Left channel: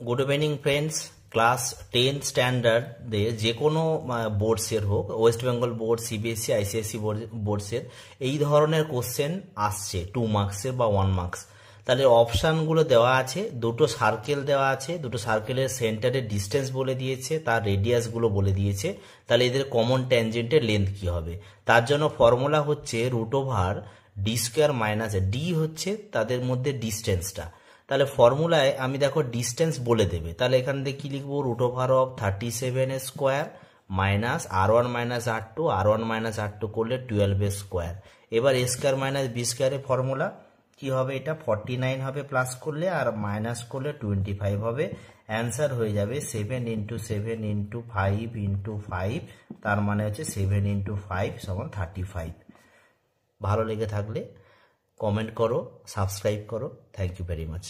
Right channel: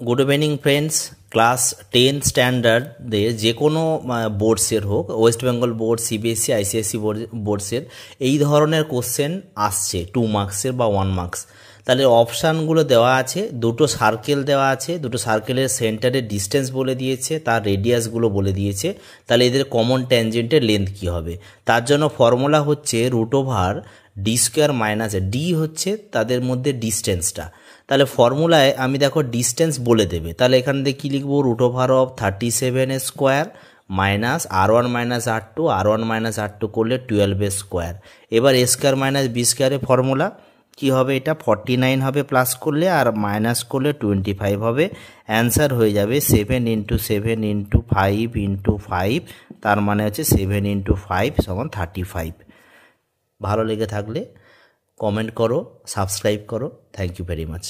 Good evening friends. Class 10 স্ট্যান্ডার্ডে যে কোনো বোর্ডসের হোক, West Bengal board, CBSE, ICSE বোর্ডসের এই ধরনের কোশ্চেন আসছে 2 মার্কসের বা 1 মার্কস। তাহলে অপশানগুলো দেওয়া আছে, দুটো সার্কেল দেওয়া আছে, দুটো সার্কেলের সেন্টারের ডিস্টেন্স বলে দিয়েছে, তার রেডিয়াসগুলো বলে দিয়েছে। তাহলে এদের কমন ট্যানজেন্টের লেন্থ কী হবে, তার জন্য ফর্মুলা হচ্ছে √ডি স্কোয়ার মাইনাস ডি হচ্ছে তাদের মধ্যে ডিস্টেন্সটা। তাহলে ফর্মুলায় আমি দেখো ডিস্টেন্স বলে দেবে, তাহলে এখান থেকে কী লিখবো, √37 square minus R1 minus R2, R1 minus R2 করলে 12 স্কোয়ার। এবার এ স্কোয়ার মাইনাস বি স্কোয়ারের ফর্মুলা কী হবে, এটা 49 হবে প্লাস করলে, আর মাইনাস করলে 25 হবে। অ্যান্সার হয়ে যাবে 7 × 7 × 5 × 5, তার মানে হচ্ছে 7 × 5 = 35। ভালো লেগে থাকলে কমেন্ট করো, সাবস্ক্রাইব করো। Thank you very much.